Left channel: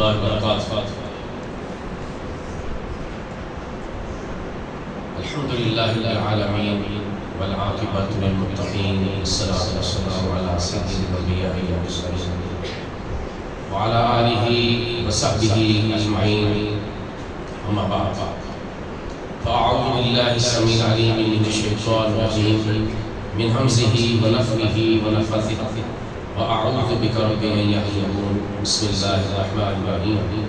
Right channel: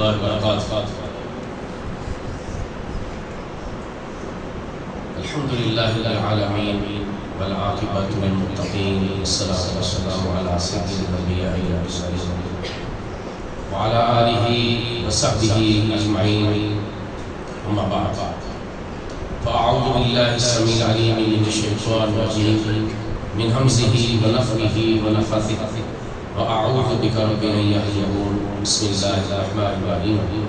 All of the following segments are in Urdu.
الله وبركاته. الحمد لله رب العالمين والعاقبة للمتقين والصلاة والسلام على سيد الأنبياء والمرسلين وعلى آله وصحبه أجمعين، أما بعد، فأعوذ بالله السميع العليم من الشيطان الرجيم من همزه ونفخه ونفثه وأعوذ بك رب أن يحضرون. بسم الله الرحمن الرحيم.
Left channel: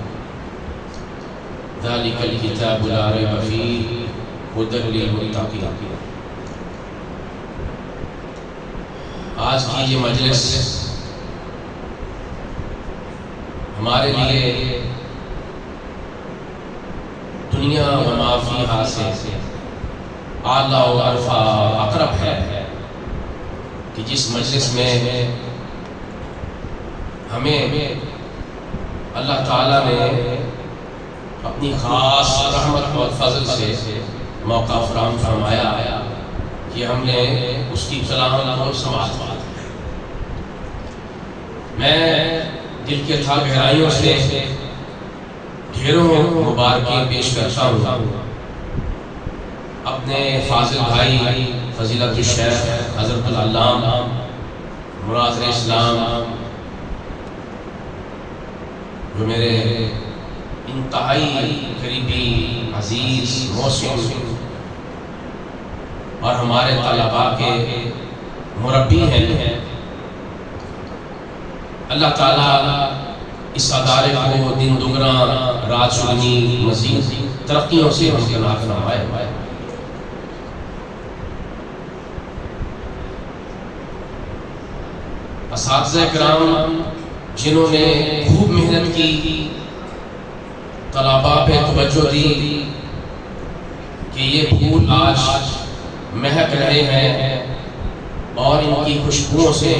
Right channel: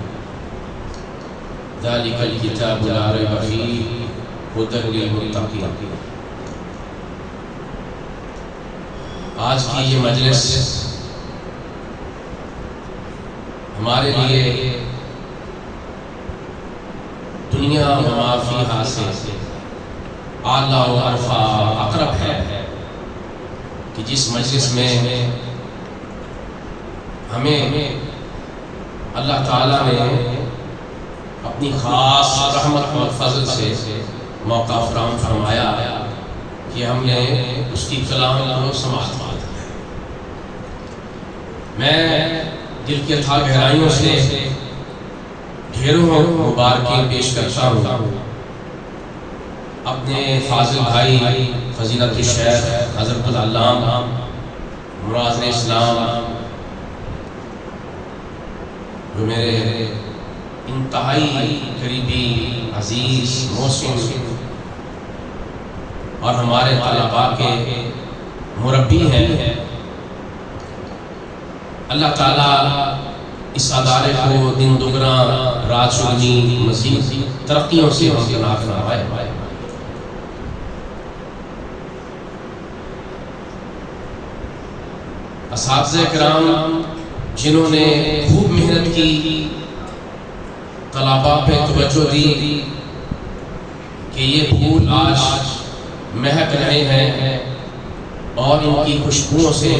ذلك الكتاب لا ريب فيه هدى للمتقين. آج کی یہ مجلس ہمارے لیے دنیا و ما فیہا سے اعلیٰ و ارفع اقرب ہے کہ جس مجلس میں ہمیں اللہ تعالیٰ نے اپنی خاص رحمت اور فضل سے موقع فراہم فرمایا کہ ہم نے اس کی کلام کو سماعت کی. میں دل کے تھا گہرائیوں سے ڈھیروں مبارکیں پیش کرتا ہوں اپنے فاضل بھائی فضیلت الشیخ حضرت العلامہ مناظر اسلام، جو میرے انتہائی قریبی عزیز محسن اور ہمارے طلباء کے مربی ہیں. اللہ تعالیٰ اس ادارے کو دن دگنا رات چگنی مزید ترقیوں سے ہمکنار فرمائے. اساتذہ کرام جنہوں نے خوب محنت کی، طلباء پہ توجہ دی کہ یہ پھول آج مہک رہے ہیں اور ان کی خوشبوؤں سے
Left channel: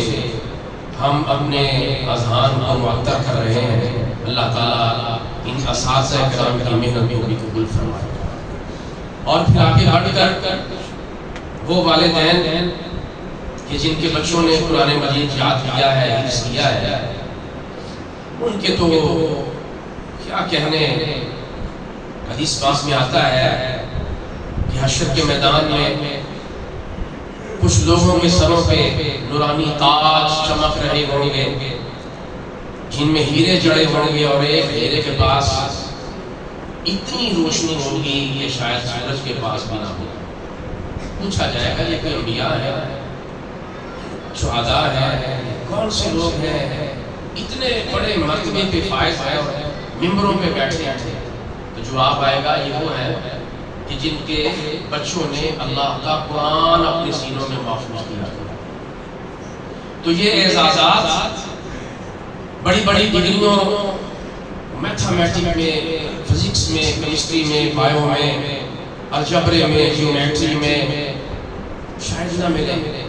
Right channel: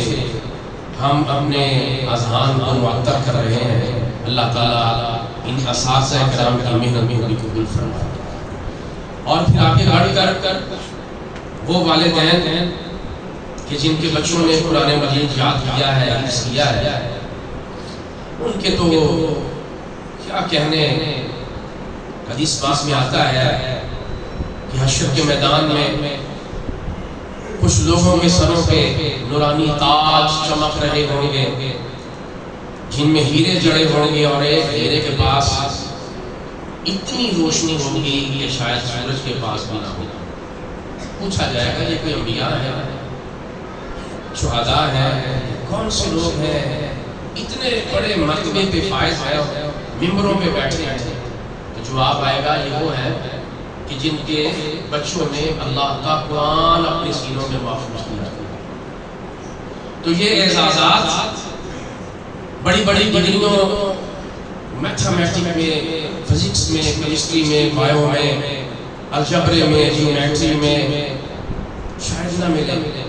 ہم اپنے اذہان کو معطر کر رہے ہیں. اللہ تعالیٰ ان اساتذہ کرام کی محنت کو بھی قبول فرمائے. اور پھر آگے بڑھ کر وہ والدین کہ جن کے بچوں نے قرآن مجید یاد کیا ہے، حفظ کیا ہے، ان کے تو کیا کہنے. حدیث پاک میں آتا ہے کہ حشر کے میدان میں کچھ لوگوں کے سروں پہ نورانی تاج چمک رہے ہوں گے جن میں ہیرے جڑے ہوں گے، اور ایک ہیرے کے پاس اتنی روشنی ہوگی کہ شاید سورج کے پاس بھی نہ ہو. پوچھا جائے گا یہ کوئی انبیاء ہے، شہداء ہیں، کون سے لوگ ہیں اتنے بڑے مرتبے پہ فائز ہیں، ممبروں پہ بیٹھے ہیں؟ تو جواب آئے گا یہ وہ ہے کہ جن کے بچوں نے اللہ کا قرآن اپنے سینوں میں محفوظ کیا. تو یہ اعزازات بڑی بڑی ڈگریوں میتھمیٹک میں، فزکس میں، کیمسٹری میں، بایو میں، الجبر میں، جیومیٹری میں شاید نہ ملے.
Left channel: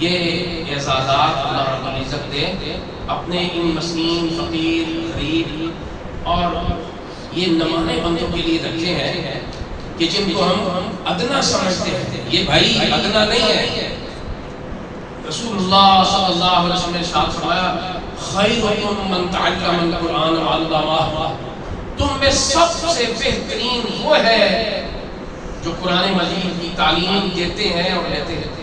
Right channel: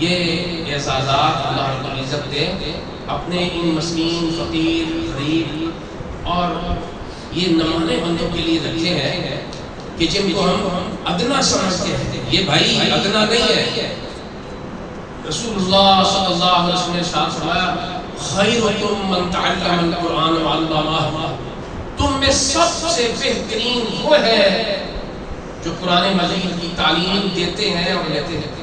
یہ اعزازات اللہ رب العزت نے اپنے ان مسکین، فقیر، غریب اور یہ نمانے بندوں کے لیے رکھے ہیں کہ جن کو ہم ادنا سمجھتے ہیں. یہ بھائی ادنا نہیں ہے. رسول اللہ صلی اللہ علیہ وسلم نے ارشاد فرمایا خیرکم من تعلم القرآن وعلمہ. تم میں سب سے بہترین وہ ہے جو قرآن مجید کی تعلیم دیتے ہیں اور لیتے ہیں.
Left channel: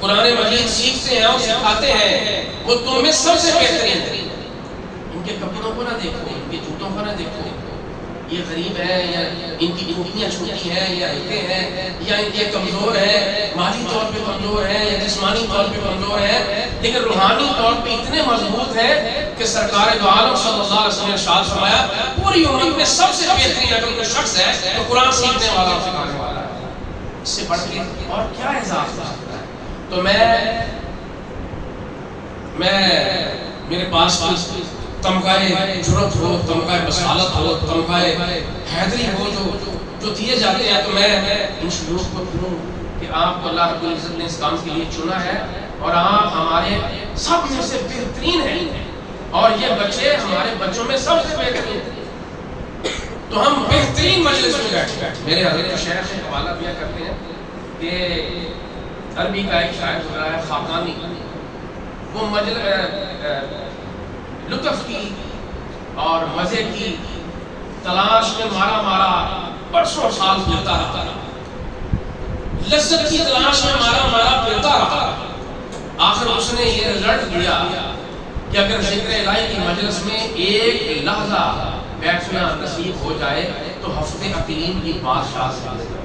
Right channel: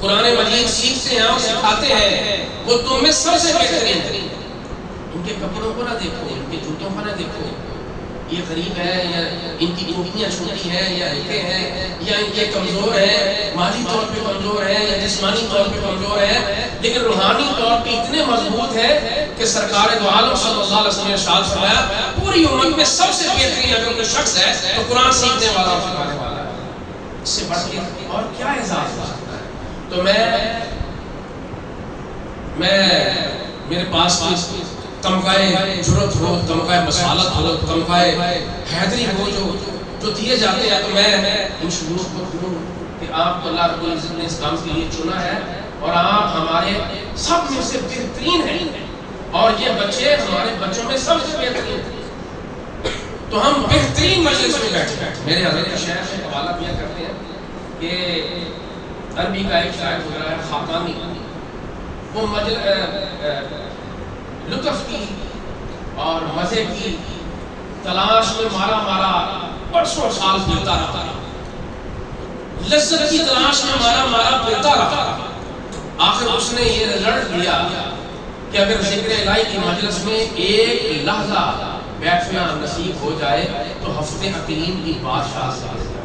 قرآن مجید سیکھتے ہیں اور سکھاتے ہیں، وہ تم میں سب سے بہترین ہے. ان کے کپڑوں کو نہ دیکھو، ان کے جوتوں کو نہ دیکھو، یہ غریب ہے یا ان کی انگلیاں چھوٹی ہیں یا ہلکے ہیں یا ان کے کمزور ہیں، مالی طور پہ کمزور ہیں یا جسمانی طور پہ کمزور ہیں، لیکن روحانی طور پہ اتنے مضبوط ہیں کہ سرکار دو عالم صلی اللہ علیہ وسلم نے ارشاد فرمایا پوری امت میں سب سے بہترین اگر کوئی شخص ہے تو قرآن سیکھنے والا اور سکھانے والا ہے. اس سے بڑھ کے اور کیا اعزاز ہو سکتا ہے؟ تو میں میرے پاس تمغہ جرت ہو، تمغہ بصالت ہو، تمغہ حیدری ہو جو دیے جاتے ہیں، تو میں ان شعور کو دوں کہ آپ کو اللہ رب العزت نے اس کام کے لیے چنا ہے اور آپ ہمارے سب میں سے بہترین ہیں اور یہ بچے ہمارے بچوں میں سب سے بہترین ہیں. تو ہم بہترین مجلس میں بیٹھے. میرے حضرت شیخ حوالہ دیا کرتے ہیں کہ عربی کا ایک شاعر گزرا ہے خاقانی، وہ لطف کی اور مزے کی تلاش میں مارا مارا برسوں سال پھرتا رہا، لذت کی تلاش میں مارا مارا پھرتا رہا۔ آخر اس نے یہ رزلٹ دیا کہ اگر ذکر الہی کی مجلس میں ایک لحظہ بیٹھنا نصیب ہو جائے تو ہفتے عقیم کی بادشاہ سے آ جائے۔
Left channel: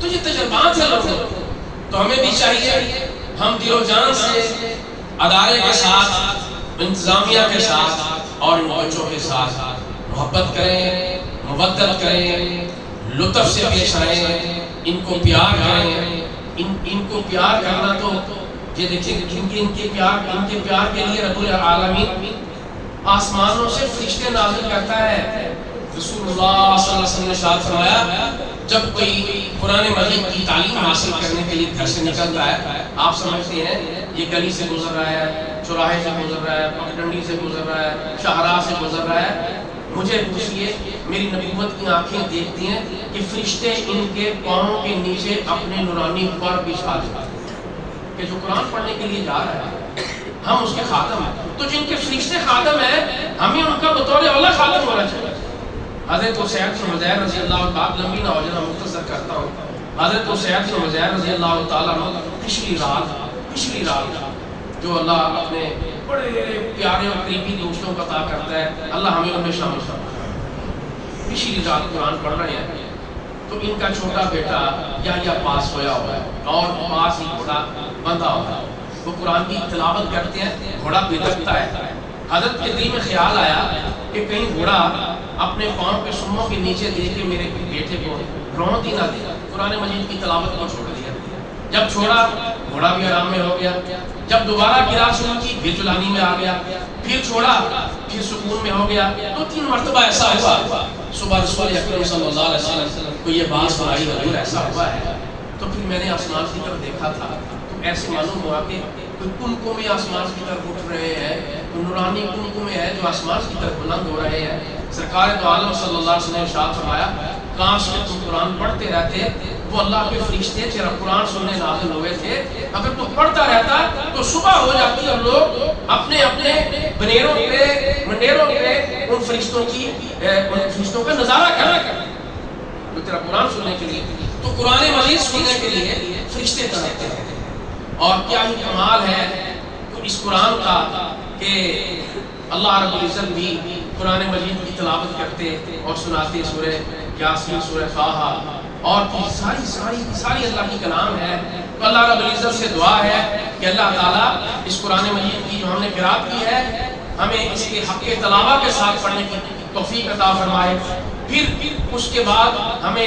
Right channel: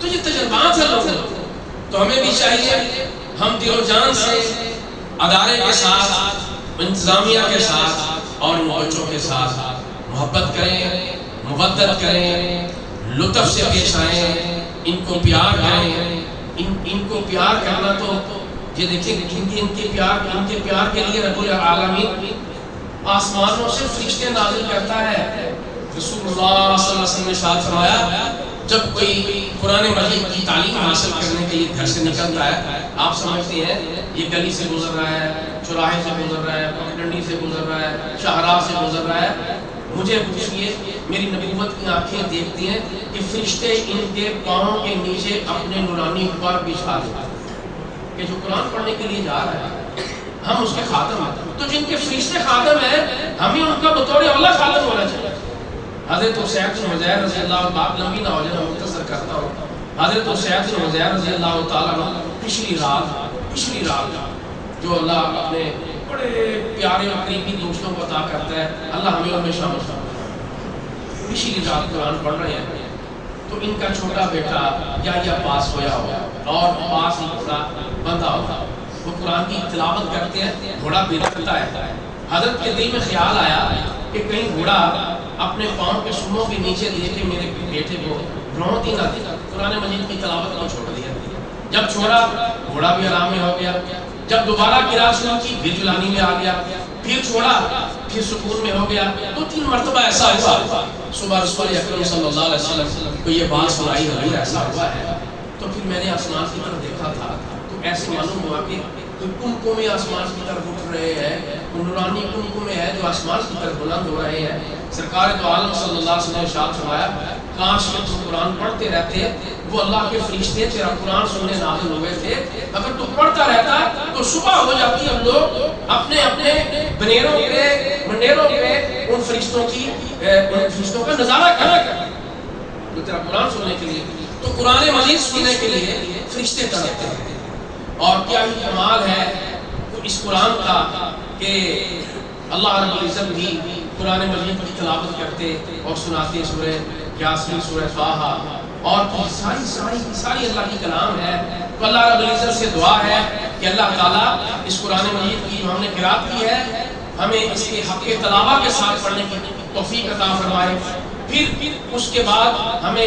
تو یہ تجربات ہے لوگوں، تو ہمیں بھی چاہیے ہم دل و جان سے ادارے کے ساتھ، انتظامیہ کے ساتھ اور ان بچوں کے ساتھ محبت کریں، مودت کریں، لطف سے پیش آئیں، ان کو پیار کریں۔ ان کو پیار کرنا تو یہ دیکھیں ان کے پیار کے لیے رب العالمین آسمانوں سے فرشتے نازل کرتا ہے۔ رسول اللہ صلی اللہ علیہ وسلم نے ارشاد فرمایا جب کوئی قرآن مجید کی تعلیم حاصل کرنے کے لیے گھر سے نکلتا ہے، آپ سمجھتے ہیں یہ گلی سے گزر رہا ہے، چوراہے سے گزر رہا ہے، پگڈنڈی سے گزر رہا ہے، شاہراہ سے گزر رہا ہے، مجھے پوچھئے میری نبوت کی آنکھیں دیکھتی ہیں کہ فرشتے ان کے پاؤں کے نیچے اپنے نورانی پر بچھا دیتے ہیں کہ جو قرآن پڑھنے کے لیے جا رہا ہے ہم اس کے خادم ہیں۔ تو جن کے فرشتے خادم ہیں ہمیں ان کا بطور اولا خادم ہونا چاہیے۔ حضرت اسید بن حضیر رضی اللہ بات لمبی نہ ہو جائے، مختصر کرتا ہوں۔ حضرت اسید بن حضیر رضی اللہ تعالیٰ عنہ پچھلی رات جو اللہ اپنے بڑے پیارے اور قریبی دوستوں کو عطا کرتا ہے، اللہ ہمیں ان میں شامل فرمائے۔ پچھلی رات قرآن پڑھ رہے ہیں تو ان کا چھوٹا بیٹا یا پاس ہویا ہوا اور پاس ہی گھوڑا بندھا ہوا، وہ قرآن کی تلاوت کرتے ہیں، گھوڑا بلکتا ہے۔ حضرت کے دل میں خیال آیا کہ کہیں گھوڑا اپنے پاؤں کے سموں کے نیچے دے کے میرے بیٹے کو رونق ہی نہ دے۔ قرآن مجید کی تلاوت کو چھوڑ دیا، جب چھوڑا گھوڑا بھی آرام میں ہو گیا، جب دوبارہ قرأت شروع کی پھر جلانی میں آ گیا، پھر چھوڑا پھر سکون میں ہو گیا۔ 2-3 مرتبہ ایسا ہوا، صبح رسول اکرم صلی اللہ علیہ وسلم کو یہ بات سنائی، حضور ایسا ہوا ہے۔ تو پھر میں نے آسمان کی طرف دیکھا تھا تو ایسے معلوم ہوا کہ کنکمیں آسمان کی طرف اٹھ رہے ہیں، نورانی کنکمیں ہے جو آسمان کی طرف بلند ہو رہے ہیں۔ سرکار دو عالم صلی اللہ علیہ وسلم نے ارشاد فرمایا کاش کہ تم قرآن پڑھتے رہتے، وہ اللہ کے فرشتے تیرا قرآن سننے نازل ہوئے تھے، اگر تو پڑھتا رہتا تو صبح ہو جاتی اور لوگ اپنے اپنے بنیروں پہ منڈیروں پہ ان فرشتوں کا نظارہ کرتے تو تیرا قرآن سننے کے لیے، تو قرآن مجید سننے کے لیے فرشتے تڑپتے ہیں۔ اور کیا ہی کمال ہے اس قرآن کا کہ اللہ رب العزت بھی قرآن مجید کی تلاوت کرتے اور سناتے، سورہ یاسین، سورہ طٰہٰ اور ساری اللہ کی کلام ہے۔ تو اللہ رب العزت سے دعا ہے کہ اللہ تعالیٰ اس قرآن مجید کی جو ہم نے قرأت کی ہے ہمیں اس کے حق تلاوت کے ساتھ پڑھنے کی توفیق عطا فرمائے، پھر اس کے بعد ہمیں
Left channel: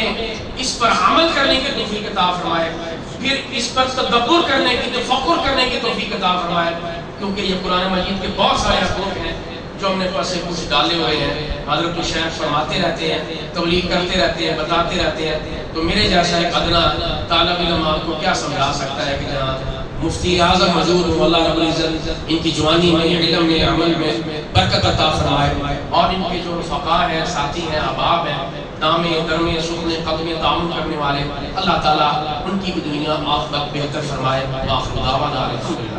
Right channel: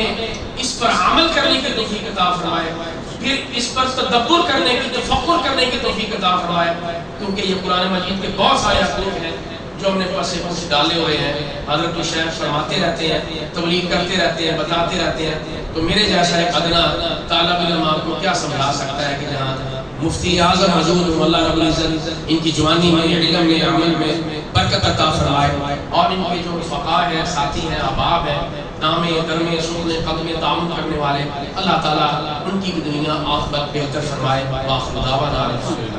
اس پر عمل کرنے کی توفیق عطا فرمائے، پھر اس پر تدبر کرنے کی، تفکر کرنے کی توفیق عطا فرمائے، کیونکہ یہ قرآن مجید کے بہت سارے حقوق ہیں جو ہم نے پس سے کچھ ڈالے ہوئے ہیں۔ حضرت الشیخ فرماتے رہتے ہیں، تبلیغ کرتے رہتے ہیں، بتاتے رہتے ہیں، تو میرے جیسا ایک ادنا طالب علم آپ کو کیا سمجھا سکتا ہے کہ جہاں مفتی اعظم حضور اللہ رب العزت ان کی جوانی میں، علم میں، عمل میں برکت عطا فرمائے، اور ان کے جو فقہ ہیں، ساتھی ہیں، احباب ہیں، نامے درمے سکنے قدمے تعاون کرنے والے، اللہ تعالیٰ ان کی بھی دنیا آخرت بہتر فرمائے۔ وآخر دعوانا الحمدللہ۔